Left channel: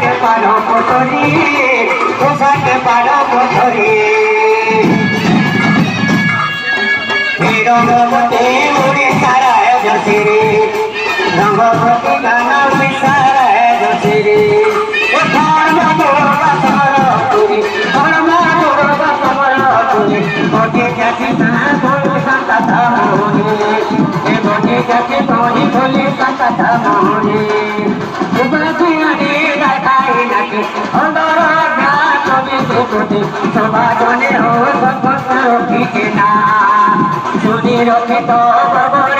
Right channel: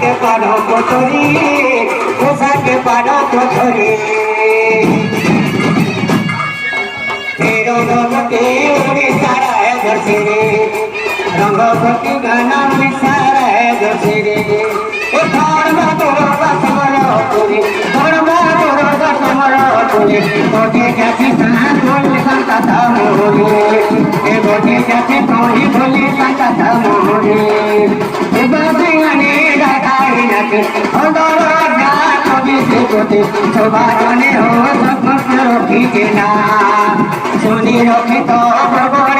के पानो कोठरी पोसा के पानो कोठरी तेरो गमते ओरे सारा है दर्शरे रंगवती गाना विसारा है दर्शरे ओ धर्म दोगा समरा तुरी धर्म दोगा समरा तुरी गोटे जाति तना बोले संता मोरे ए गोटे जाति तोही बोले संता मोरे शोभा जने हो सब ठीक ना सुनी रखे तो